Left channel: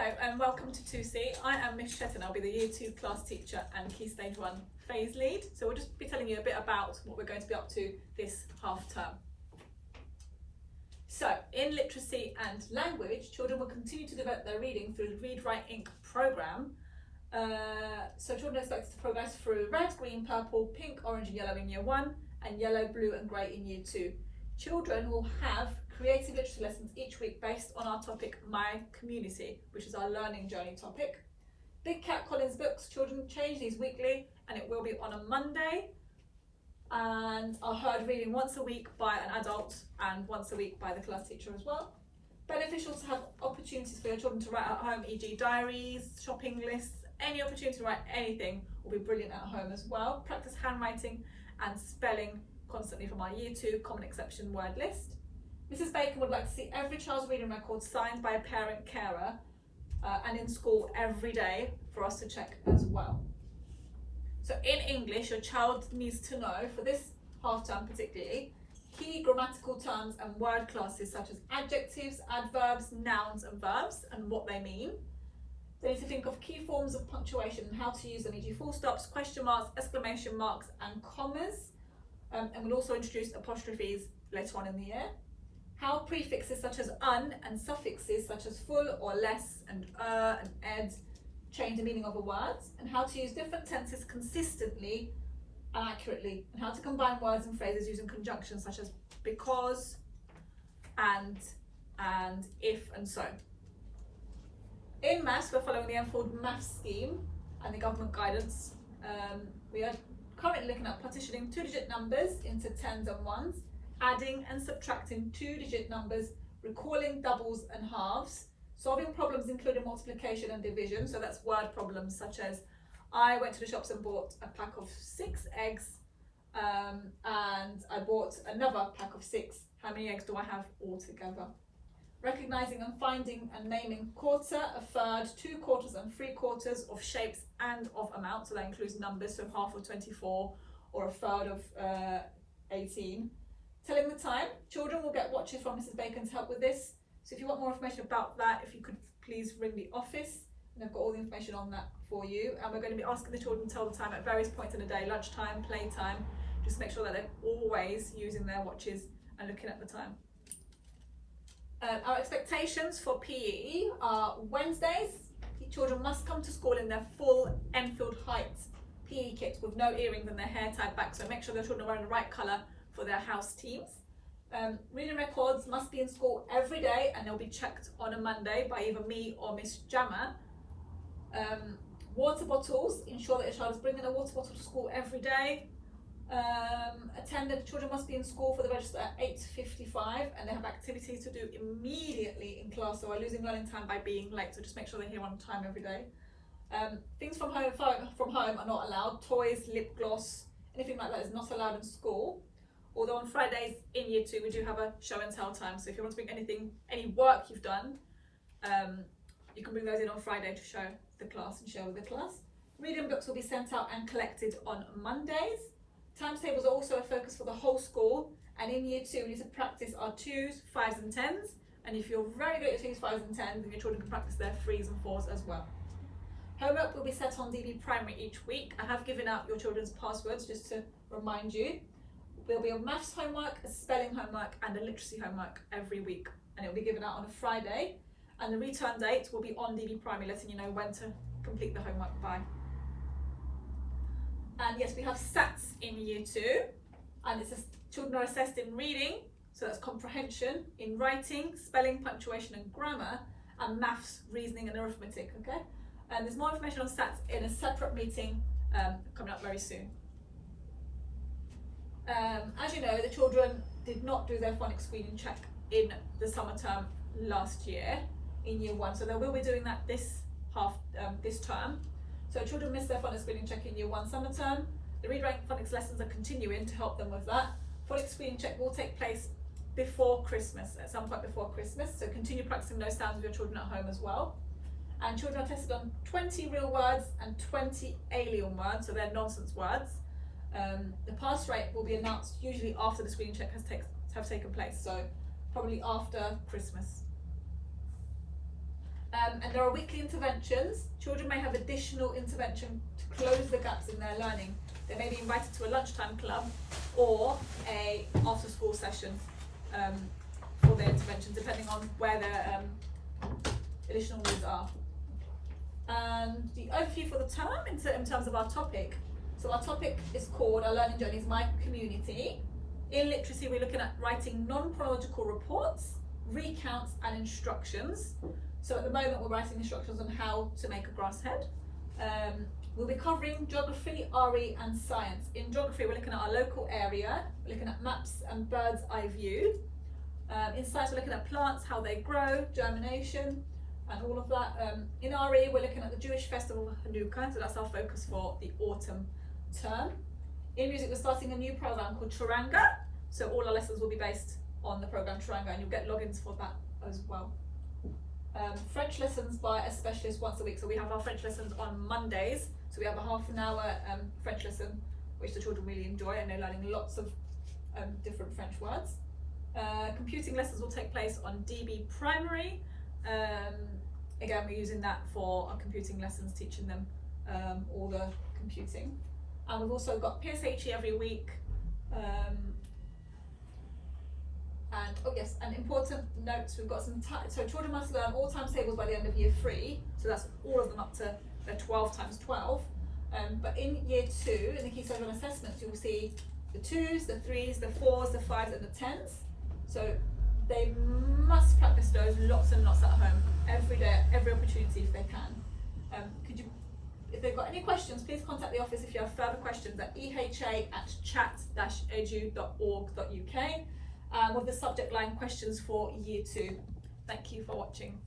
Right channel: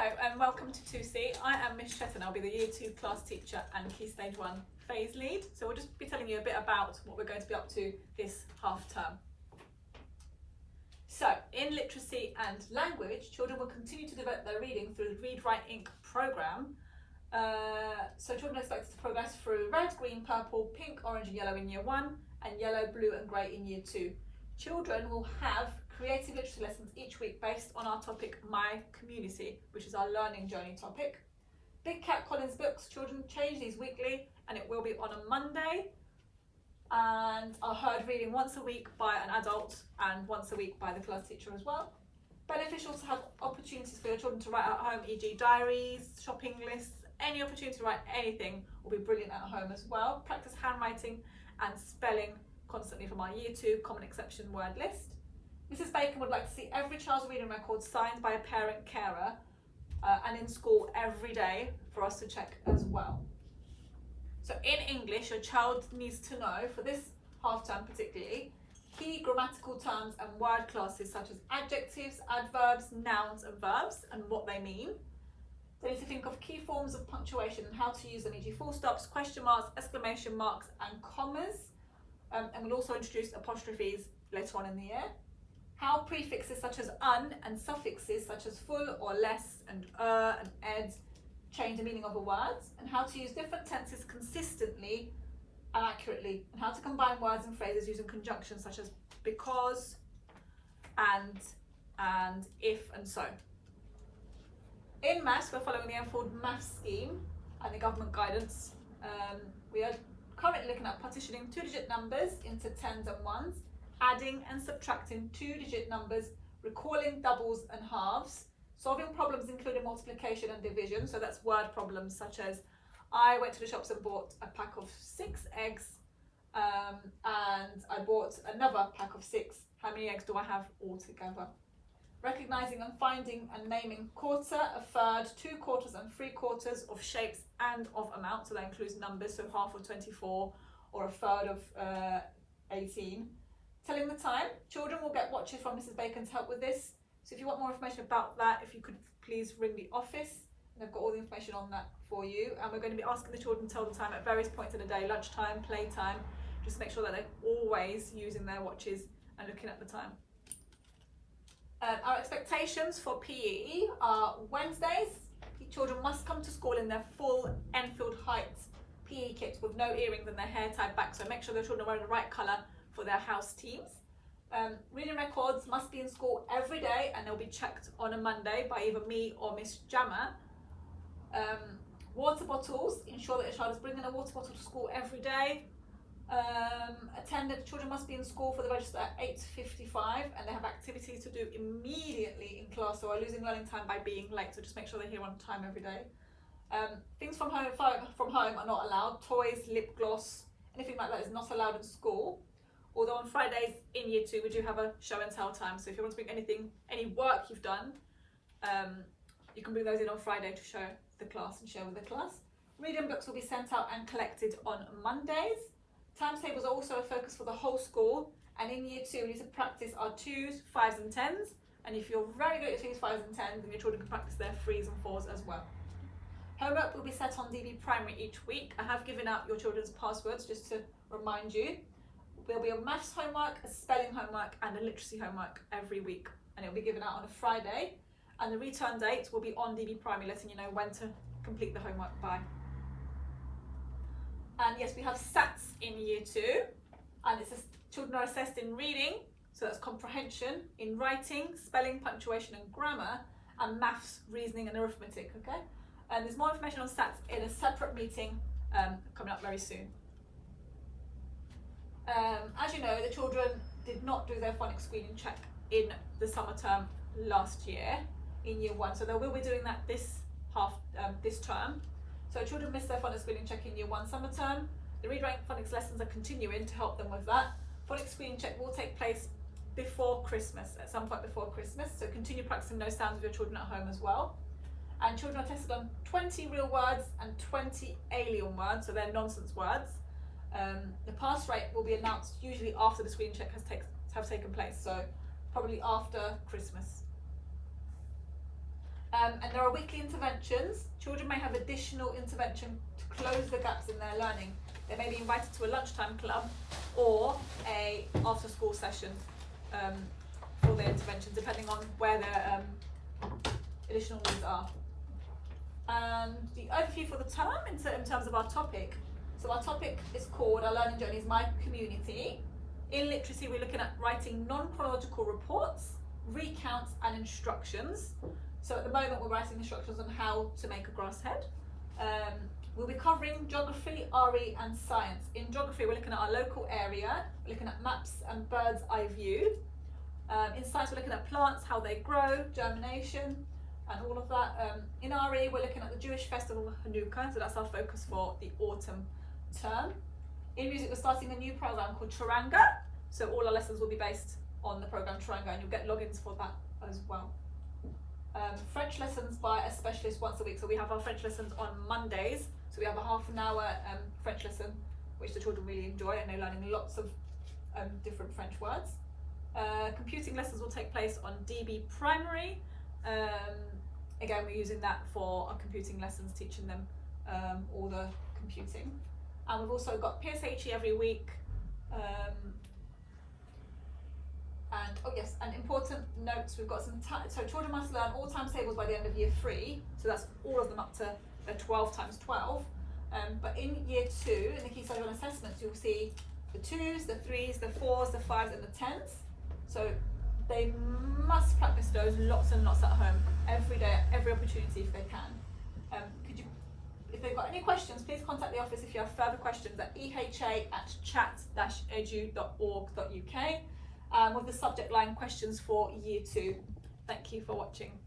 Hello and welcome to 2C. I am Miss Chetton. I'll be the Year 2 class teacher and Key Stage 1 phase lead. So we'll just be telling you a bit about what we're going to be up to this half term. So in literacy and language, children will continue to develop their reading through the Read, Write, Ink programme. So children are expected to progress through red, green, purple, pink, orange and yellow in Year 1 and yellow, blue and grey in Year 2. Children will have creative literacy lessons each week based on our topic My Community, which is our learning journey topic. Big Cat Collins books, children change these weekly and it will be on a Monday, and are heard reading once a week by an adult and once a week by the class teacher as well. Beneficial to have opportunities for your children to write at home, e.g. diaries, shopping lists, any opportunity to write anything will be brilliant at home as well. Practice handwriting and spelling constantly from our Year 2 Common Exception word list. Mrs Bacon would like to see every child's reading record signed by a parent carer and in school every day for us to check as well. So in English, your child needs to know, for this half term particularly, key grammatical terms and word classes such as adjectives, adverbs, nouns and verbs and what they mean. They need to think of key forms of punctuation and how to use them, e.g. full stops, question marks, exclamation marks and commas. And we'll also introduce apostrophes later on in the year. How prefixes such as un and suffixes such as full or less and and ed change the meaning of a word, and how to use different tenses consistently and accurately, and how to combine words and phrases using conjunctions such as because, and, if and so. In maths, we're following the Enfield maths scheme and the government guidance. We are currently looking at partitioning 2-digit numbers into tens and ones, adding and subtracting 2-digit numbers, recalling doubles and halves, solving problems including multiplication and division, so that's word problems such as I went to the shops and bought a pack of 6 eggs and I bought another pack of 6. How many eggs do I have altogether? Recognising and finding and naming quarter, a third, 2 quarters and 3 quarters of shapes and of amount, so that includes numbers, so half of 24 or a third of 18. Telling the time, children will get watches from Mrs Bacon to help with this. So if you want more information about that, if you could please ring the office, and they've got all the information on that for you. And we're going to be asking the children to tell the time at various points in the day, lunchtime, playtime, just make sure that they're always using their watches and looking at the time. Our expectations for PE are Wednesdays. Children must come to school in their full Enfield Heights PE kit with no earrings and their hair tied back, so make sure the children are wearing the right colour for their house teams. Reading records must be in school every day and they'll be checked on a Monday by either me or Miss Jammer. Water bottles, ensure that your child is bringing a water bottle to school every day. Children must be in school for the register at 8:55 and they have activities to do immediately in class, so are losing learning time by being late, so just make sure they're here on time every day. Things from home are not allowed. Toys, lip gloss, anything like that is not allowed in school. Although on Fridays in Year 2 we do have a show and tell time, so if you want to bring any work you've done, you can bring those in on Friday to show the class and share with the class. Reading books will be sent out and collected on Mondays. Timetables are also a focus for the whole school, and in Year 2 we need to practice our 2s, 5s and 10s, and if you're very good at 2s, 5s and 10s, then your children can practice their 3s and 4s as well. Homework will be set on DB Primary each week. I have given out your children's passwords just to remind you. There'll be a maths homework, a spelling homework and a literacy homework every week, and it will be given out on a Friday, and the return date will be on DB Primary, letting you know when to complete the homework by. And yes, we have SATs in Year 2, and children are assessed in reading, so that's comprehension, in writing, spelling, punctuation and grammar, and maths, reasoning and arithmetic, okay? And there's more information on SATs in a separate meeting coming up very soon. As you know, the children did not do their phonics screening check in the summer term last year in Year 1, so they will be doing that this term. So children missed their phonics screening check in Year 1 summer term. The Read, Write phonics lessons are continuing to help them with that. Phonics screening check will take place before Christmas, at some point before Christmas, so continue practicing those sounds with your children at home as well. And children are tested on 20 real words and 20 alien words, so they're nonsense words. The pass rate will be announced usually after the screening check has taken place, so probably after Christmas. And there are weekly interventions. Children may have additional intervention to close the gaps in their learning. They may be invited to a lunchtime club or a after school session for their intervention, depending on where their additional needs are. And the overview for the term in terms of our topic. So our topic is called, our learning journey is My Community. In literacy, we're looking at writing non-chronological reports, recounts and instructions. So at the moment, we're writing instructions on how to make a grass head. We'll be covering geography, RE and science. In geography, we're looking at our local area, we're looking at maps and bird's eye view. In science, we're looking at plants, how they grow, germination, and all of that. In RE, we're looking at the Jewish festival of Hanukkah, so that's our focus for the autumn term. In music, we're starting a new program called Charanga, so all our lessons will be based on the program Charanga, and you'll get logins for that as well. French lessons by a specialist once a week, so we have our French lessons on Mondays, so we have a half an hour French lesson, which the children really enjoy, and they're learning lots of different French words. Computing lessons will take place on DB Primary. Again, we're using that for our computing lessons, teaching them all the computing. And we've also got PSHE every week. And oh yes, and important notes, we've got some so children must learn all times tables by the end of year 3, so that's all of them up to the 12 times 12. But in year 2, in the key stage 1 assessments, you'll see the 2s, the 3s, the 4s, the 5s and the 10s. So they must practice those lots and lots at home, every day, every opportunity if they can. If they've got any questions, please contact the office if you have further questions at eha@chat-edu.org.uk with the subject line questions for year 2. Thank you for watching.